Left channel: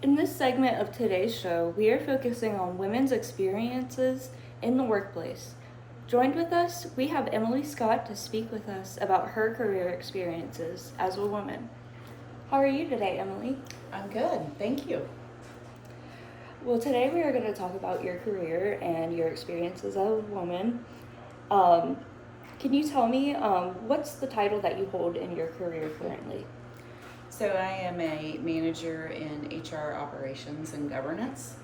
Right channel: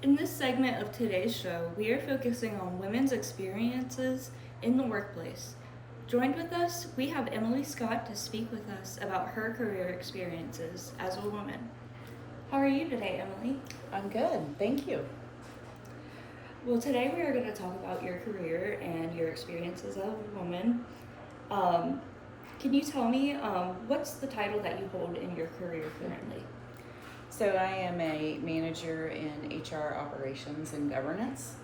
In this segment of today's show, we are focusing on women's experiences in the workplace. Joined with us, we have Emily Scott to speak with us about her career experiences as a woman. How are you today, Emily? I'm good, thank you. Well, today we are going to talk about your career and your experiences as a woman. Can you tell me what's the title that you hold in your career currently? So I am a manager in HR operations and governance.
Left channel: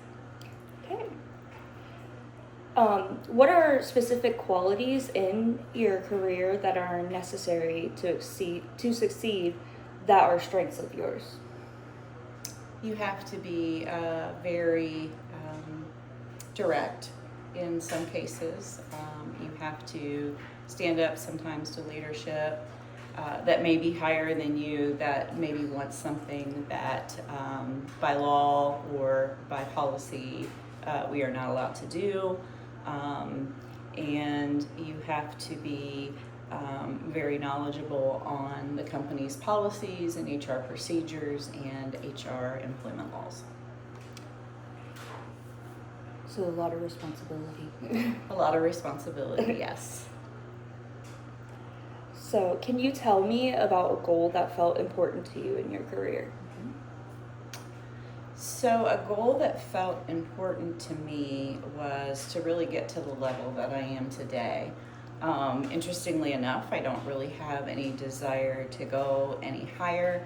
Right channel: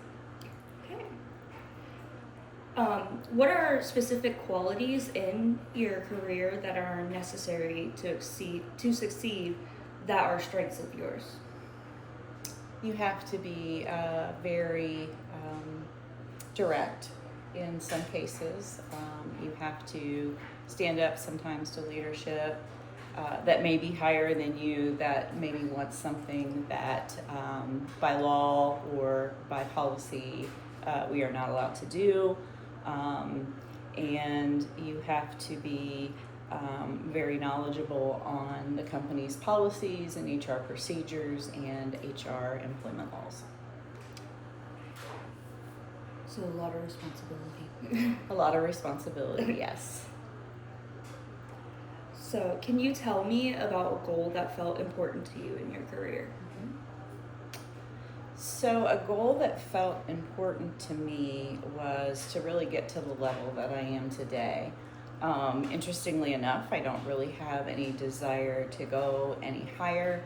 Okay. What are specific qualities in your career that are necessary to succeed that are strengths of yours? You have to be very direct in some cases. You have to stand up sometimes to leadership that may be higher than you, that maybe wants something that by law or by policy we are not allowed to do. And you have to be very knowledgeable on the company's policies and HR procedures and HR employment laws. So a lot of responsibility. A lot of responsibility, yes. So can you tell me about a goal that felt important to you in your career? So a goal that felt important to me was to really get to the level that I am today. Interestingly enough, I don't really have any desire to go any higher.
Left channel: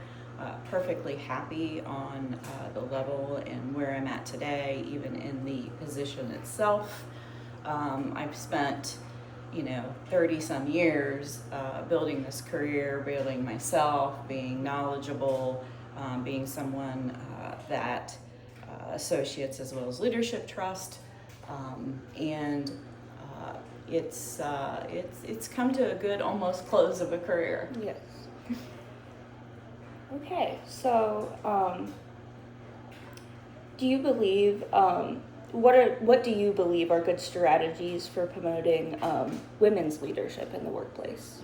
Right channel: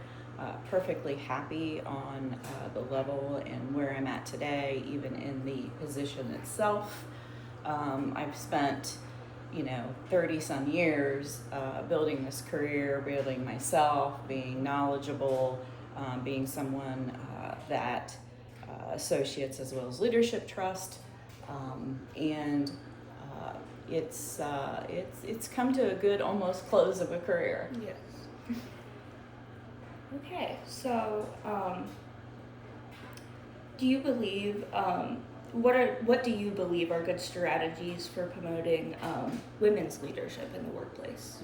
Perfectly happy on the level and where I'm at today, even in the position itself. I've spent 30 some years building this career, building myself, being knowledgeable, being someone that associates as well as leadership trust, and it's come to a good almost close of a career. Yes. Okay, so do you believe what do you believe are good strategies for promoting women's leadership in the workplace?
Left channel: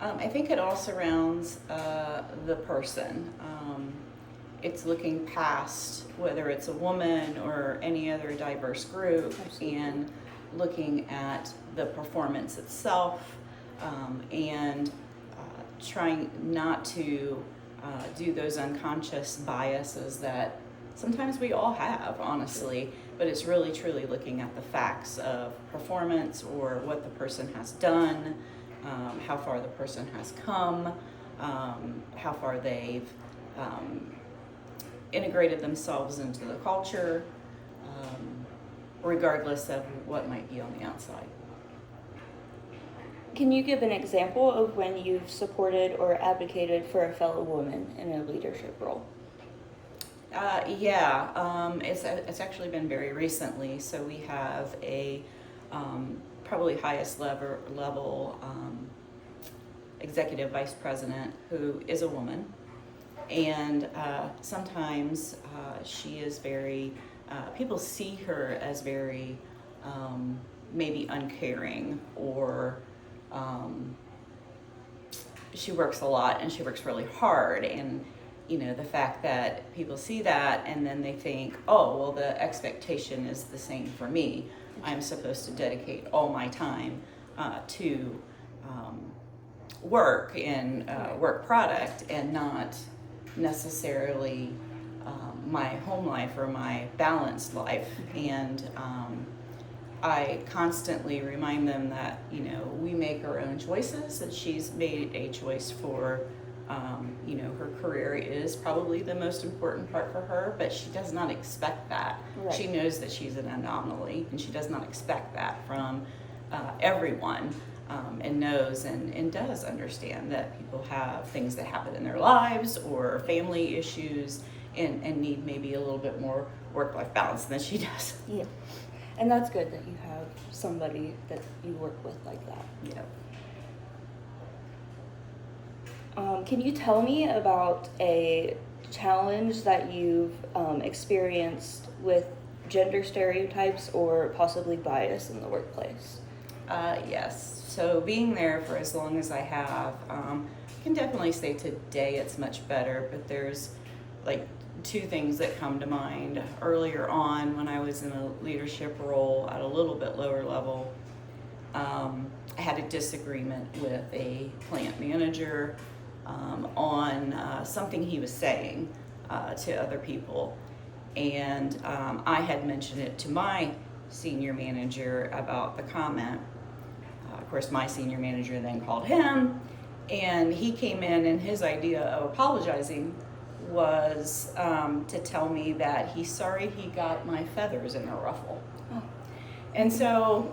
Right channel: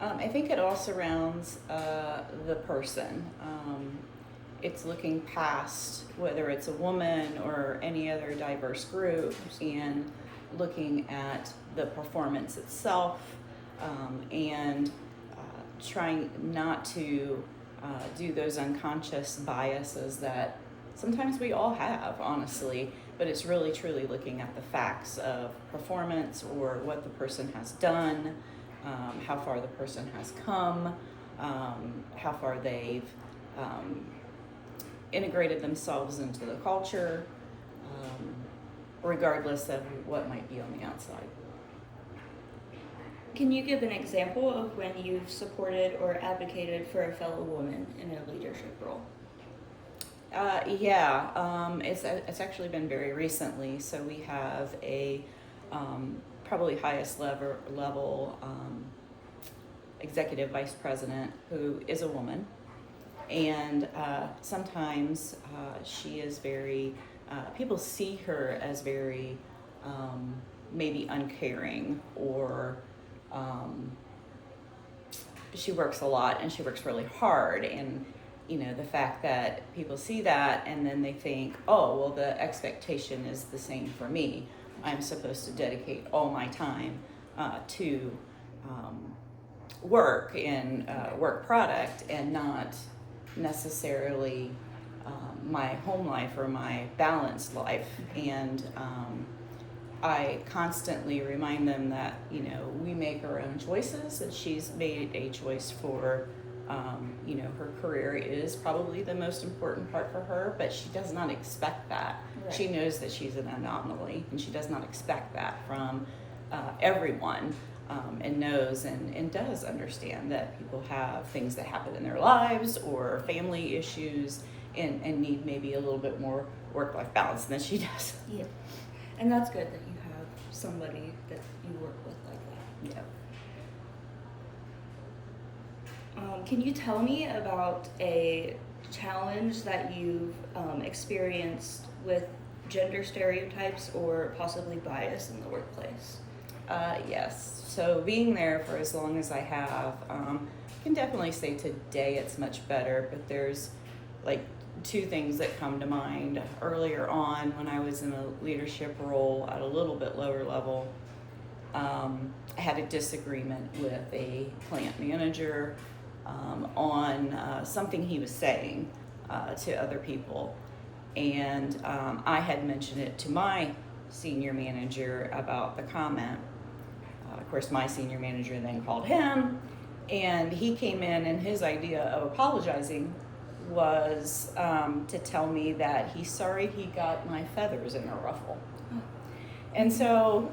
I think it all surrounds the person. It's looking past whether it's a woman or any other diverse group. Absolutely. And looking at the performance itself and trying not to do those unconscious biases that sometimes we all have, honestly, but it's really truly looking at the facts of performance or what the person has done, how far the person has come, how far they've integrated themselves into the culture, regardless of what might be on the outside. Can you give an example of when you've supported or advocated for a fellow woman in a leadership role? It's actually been very recently. So we have a probably highest level executive vice president who is a woman, and sometimes she is very. People see her as very maybe uncaring, or she works a lot and she works really hard, and the fact that people see that and then they think, oh, well, the expectation is the same for me. I'm supposed to dedicate all my time to work and work product, and not necessarily my home life or my balanced life. And I constantly remind them that, we make our own choices, and she's made a choice for, her career is probably the most important part for her, but she does not expect that. Right. She knows that she's an anomaly, and she does not expect that from everyone, and knows and does understand that people have things that happen in their lives or family issues and need maybe a little bit more work-life balance than she does. Yeah. And that's good that you have somebody that you work with like that. Yeah. Can you tell me about a challenge that you've experienced with gender stereotypes or possibly bias in the workplace? Yes. So being there for as long as I have, I can definitely say today it's much better, but there's like two things that come to mind. Earlier on, when I was in a leadership role at a little bit lower level, I had a disagreement with a plant manager on something he was saying to other people. And I had mentioned it to my senior manager about the comment. Of course, my senior manager then called him, and he came in, and his idea of apologizing was to tell me that he's sorry he got my feathers in a ruffle. Oh. And so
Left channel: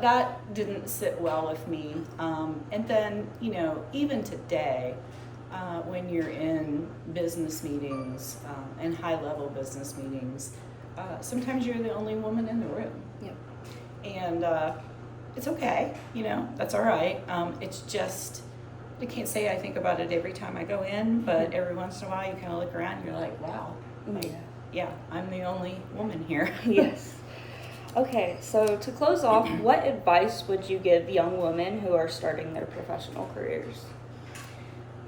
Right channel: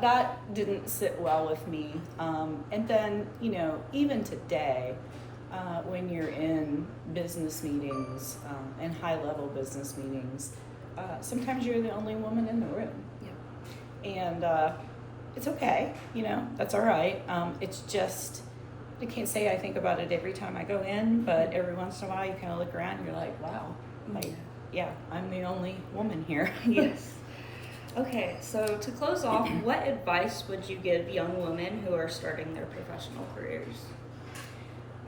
that didn't sit well with me. And then, you know, even today, when you're in business meetings and high-level business meetings, sometimes you're the only woman in the room. Yeah. And it's okay, you know, that's all right. It's just, I can't say I think about it every time I go in, but every once in a while you kind of look around and you're like, wow, like, yeah, I'm the only woman here. Yes. Okay, so to close off, what advice would you give young women who are starting their professional careers?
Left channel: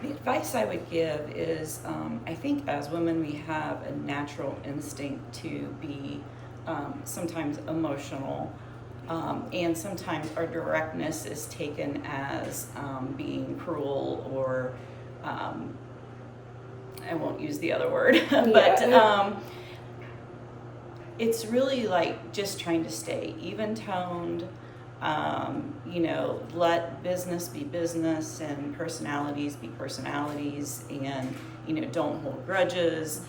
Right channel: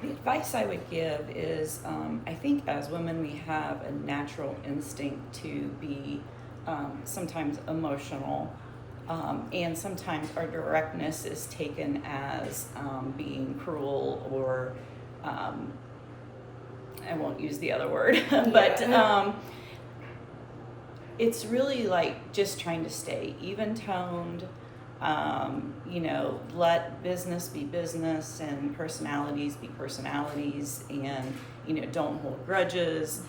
The advice I would give is, I think as women we have a natural instinct to be sometimes emotional, and sometimes our directness is taken as being cruel or, I won't use the other word, but it's really like just trying to stay even-toned, you know, let business be business and personalities be personalities, and, you know, don't hold grudges.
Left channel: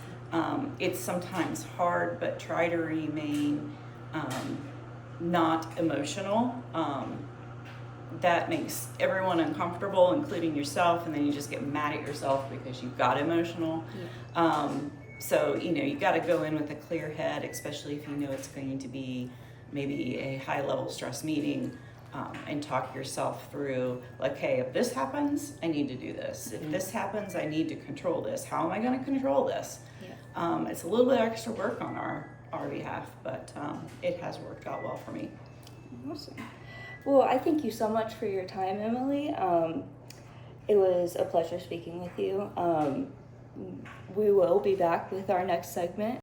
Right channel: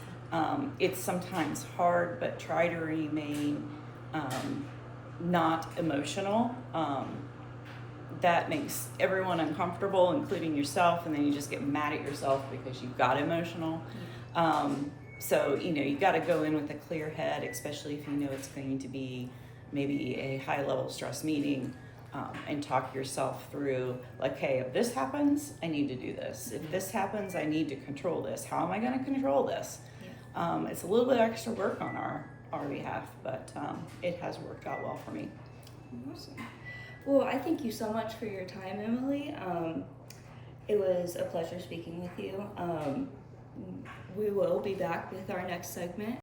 It's sometimes hard, but try to remain not emotional. That makes everyone uncomfortable, including yourself, and then you just get mad at yourself because you got emotional. So, you know, you got to go in with a clear head, especially if you know it's going to be maybe a high-level stress meeting, and talk yourself through, like, hey, if this happens, I need to do this. If this happens, I need to control this. How am I going to control this? Yeah. It's a little bit extra work on our behalf, but it has worked out well for me. Awesome. Well, I thank you so much for your time, Emily. It was a pleasure speaking with you. We will be back with our next segment.